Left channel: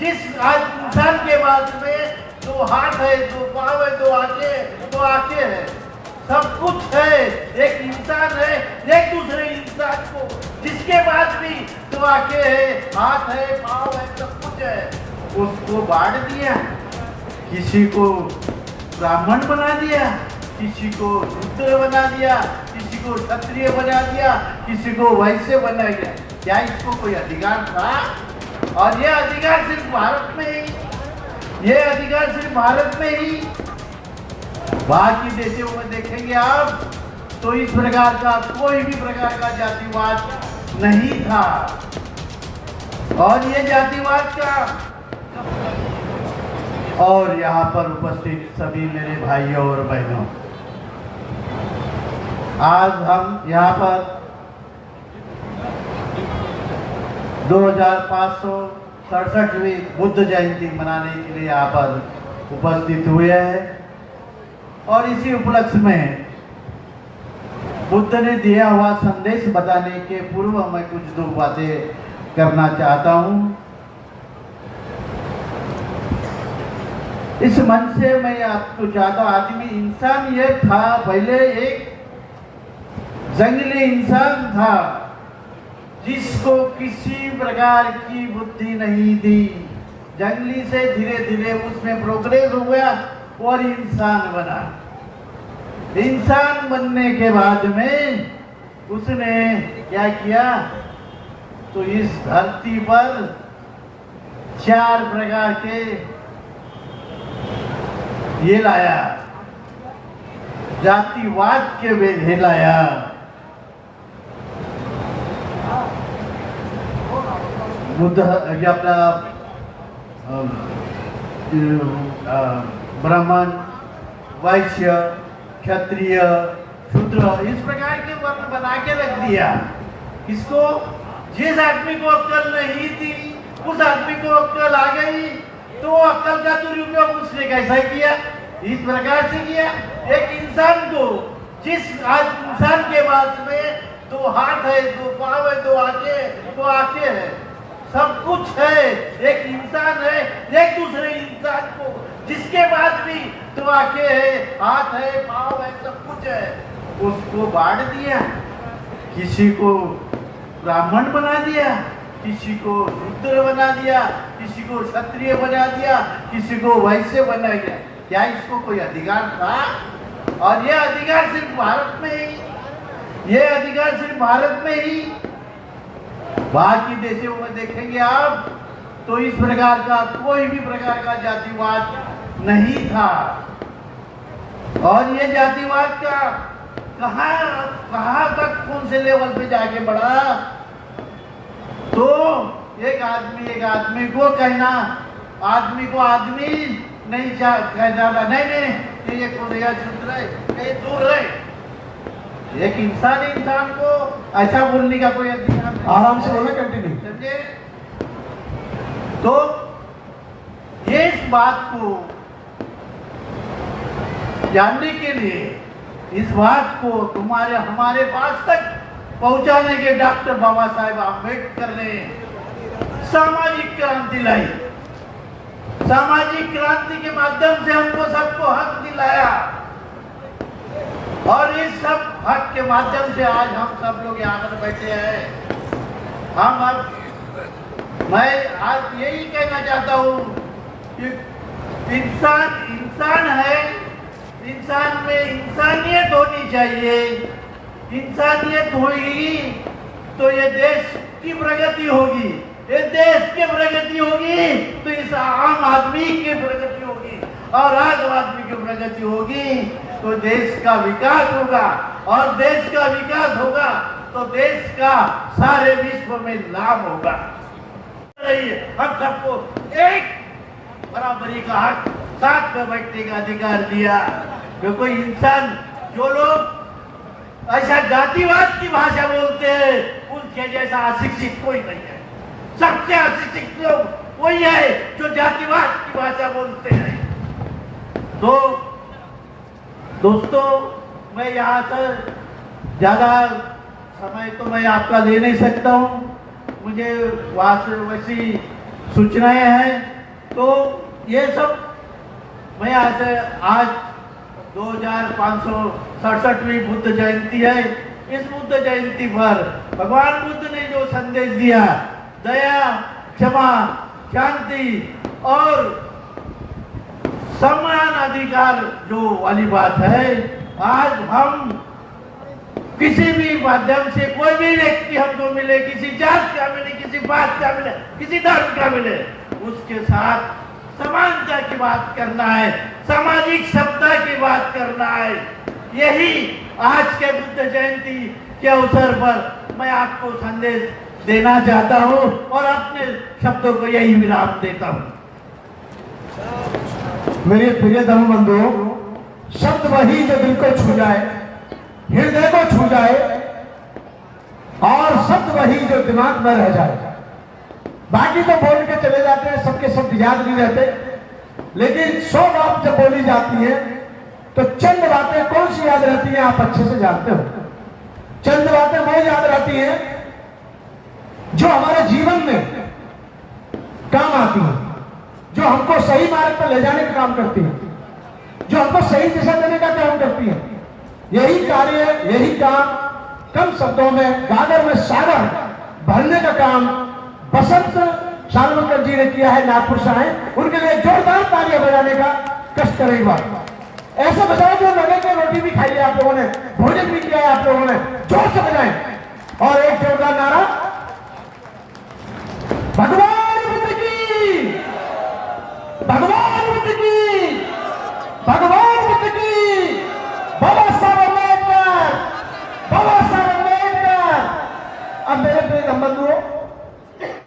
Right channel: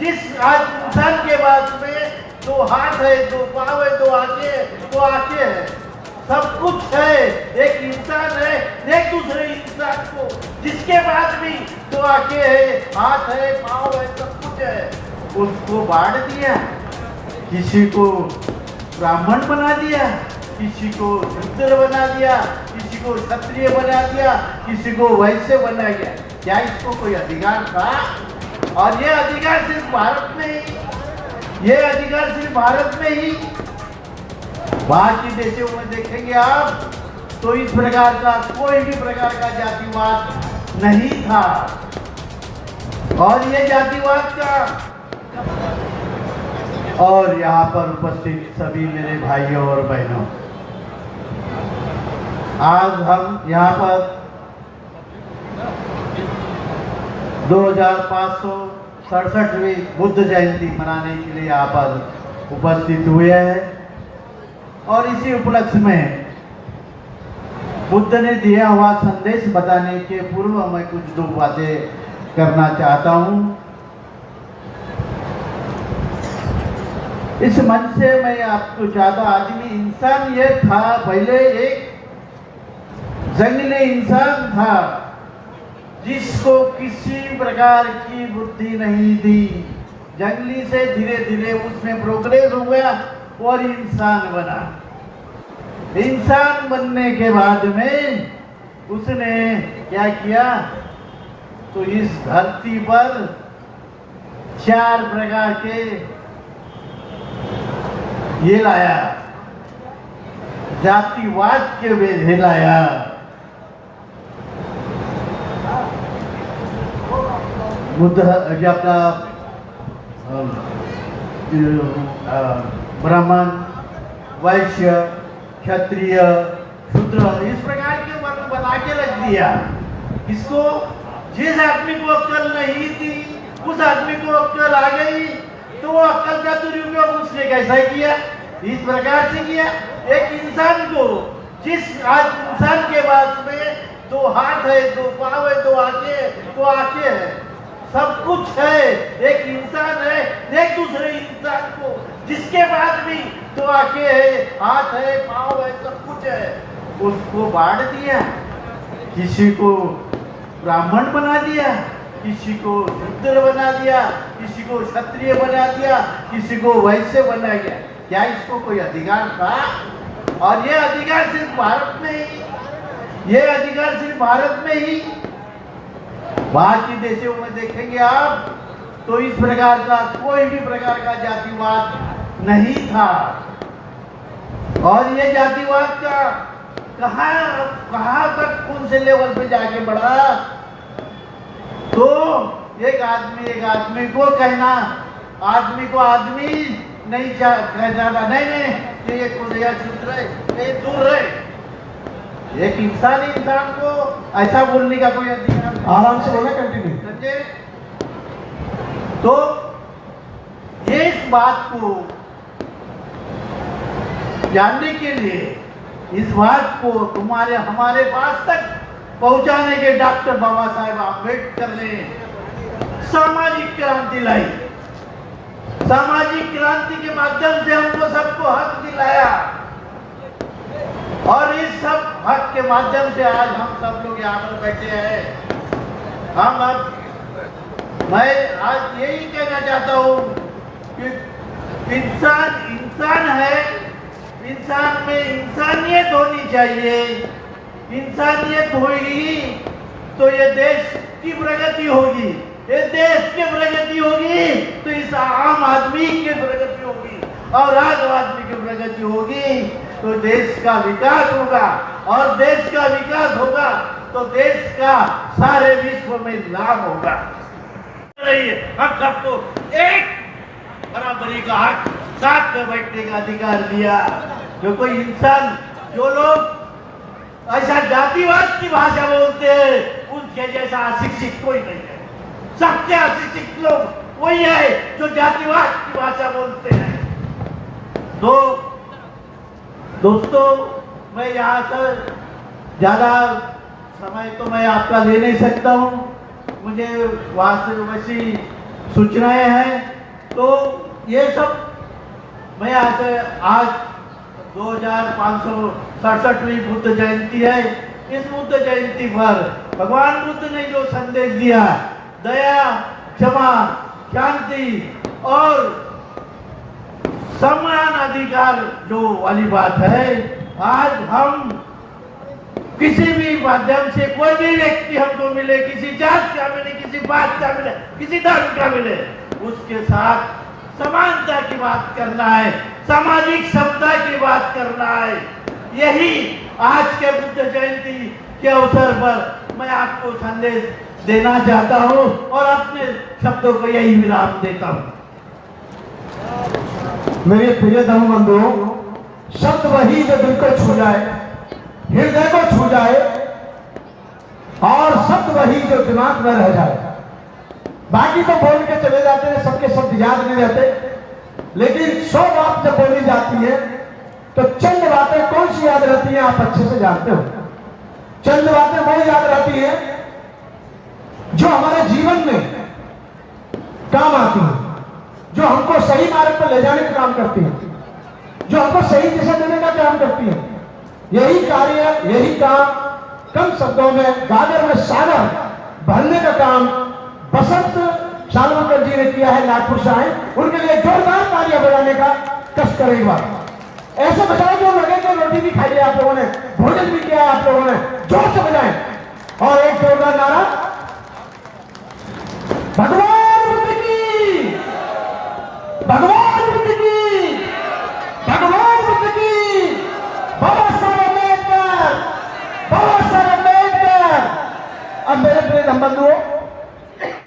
जिस आज इंसान के पास में दो हाथ है, दो पाँव है, दो आंखें है, सब कुछ है, एक इंसान है, एक दूसरे इंसान को जिसके पास भी दो आंखें है, हाथ है, पाँव है, सब कुछ है, उसको बांट दिया। किसी को ब्राह्मण बना दिया, किसी को शूद्र बना दिया, किसी को क्षत्रिय बना दिया, किसी को वैश्य बना दिया। क्या इसको कोई अधिकार था? और ये अधिकार सिर्फ भारत में ही, ये अधिकार सिर्फ भारत में ही, बाकी देशों में देखेंगे आप तो इस प्रकार का कोई भी प्रकार का जातिवाद नहीं था। और ये जातिवाद का, और यहाँ पर उपस्थित सभी मेरे भाइयों और बहनों, आज हम यहाँ पर 2567वीं बुद्ध जयंती मनाने के लिए यहाँ पर उपस्थित हुए हैं। और इसी उपलक्ष्य में बुद्ध ने दिया हुआ संदेश बताने के पूर्व मैं कुछ दो बातें करना चाहता हूँ। इस मंच से मैं आपको चाहता, आदमी इंसान ये था, पहले एक जंगली इंसान था जिसको किसी प्रकार की बुद्धि नहीं थी। जंगली से धीरे धीरे उसमें प्रोग्रेस हो गया और इंसान बना। इंसान बनने के बाद में उसने क्या किया, तो इस धरती पर 4 प्रकार के ये लाया, जातिवाद के वेधे लाया। बुद्ध अपना ब्राह्मण, वैश्य, क्षत्रिय, शूद्र, इस प्रकार के वर्ण बना के रख दिया। किसको? जिस आदमी को अक्ल नहीं थी उस आदमी को अक्ल आ गई, तो अक्ल का दुरुपयोग उसने कैसा किया? इस प्रकार से किया। एक इंसान को, जिस आज इंसान के पास में दो हाथ है, दो पाँव है, दो आंखें है, सब कुछ है, एक इंसान है, एक दूसरे इंसान को जिसके पास भी दो आंखें है, हाथ है, पाँव है, सब कुछ है, उसको बांट दिया। किसी को ब्राह्मण बना दिया, किसी को शूद्र बना दिया, किसी को क्षत्रिय बना दिया, किसी को वैश्य बना दिया। क्या इसको कोई अधिकार था? और ये अधिकार सिर्फ भारत में ही, ये अधिकार सिर्फ भारत में ही, बाकी देशों में देखेंगे आप तो इस प्रकार का कोई भी प्रकार का जातिवाद नहीं था। और ये जातिवाद का कहां तक कौन से लेवल पे जाके बढ़ा, तो एक आदमी को कहना, आदमी को आदमी नहीं जाना, नहीं ये कौन है, शूद्र है, ये दूर है। एक इंसान को ऐसा बोलने का कोई अधिकार नहीं। आराम से बोला, कंटिन्यू। तो ये इस बात को जानने के लिए, इस बात को हमारे पास तक पहुंचाने के डॉक्टर बाबा साहेब आम्बेडकर ने सामाजिक क्रांति लाई। सामाजिक क्रांति के माध्यम से हमको सबको हक दिलाया, और इस सब हक के माध्यम से आज हम सब लोग यहाँ पर बैठे हैं। मैं आज यही कहना चाहता हूँ कि इंसान है, इंसान में इंसानियत होनी चाहिए। इंसानियत होगी तो ये देश की प्रगति होगी, ये देश की प्रगति होगी तो इस आम आदमी की प्रगति होगी, और आम आदमी की प्रगति होगी तो देश का विकास होगा, और देश का विकास होगा तो देश का सारे विश्व में लाभ होगा। हम सबको एक बराबरी का हक, साथ में बैठने का अधिकार दिया। जो कोई इंसान, जो लोग ऐसा जातिवाद की भाषा बोलते हैं, उनके जैसा अशिक्षित कोई नहीं है। सबसे अशिक्षित लोग वही है जो जातिवाद की भाषा बोलते हैं। तो दोस्तों, मैं यहाँ से ज्यादा समय तो मैं आपका ले नहीं सकता हूँ, मुझे वैसी सूचनाएं हैं तो ये सब मैं आज 2567वीं बुद्ध जयंती है। इस बुद्ध जयंती पर भगवान बुद्ध ने जो संदेश दिया, दया, क्षमा, शांति और समान अधिकार जो वाली बात है, आज हम किसी भी माध्यम से कोई भी व्यक्ति हमको मिले, किसी जात का मिले, किसी बात का मिले, किसी धर्म का मिले, उसके साथ समानता की बात करना है, सामाजिक समता की बात करना है। यही आज के बुद्ध जयंती के अवसर पर मैं आपको संदेश देना चाहता हूं और अपने शब्दों को यही विराम देता हूं। मेरे प्रिय धर्म बंधुओं, शब्द वही जो दिल को छू जाए, हृदय को छू जाए, और शब्द वही जो दिमाग में रह जाए। बाकी तो बोल के चले जाते हैं, सबके शब्द याद नहीं रहते, लेकिन 100 बात जब बोली जाती है तो चंद बातें कौन सी याद रहती है, आप अच्छे से जानते हो। चंद बातें वो याद रहती है जो हमारे जीवन में काम आती है, जो हमको सही मार्ग पर ले जाने का काम करती है, जो हमको सही दिशा देने का काम करती है। यही कार्य, यही काम कम शब्दों में, गागर में सागर भरने का काम बसंत शालवकर जी ने किया है। नागपुर से आए, उनके लिए जोरदार तालियां बजाने का कष्ट करें एक बार। ऐसे बजाए जो लगे कि रोटी भी खाई है आप लोगों ने, भोजन भी किया है आप लोगों ने, जोर से बजाएं और एक जोरदार नारा, भगवान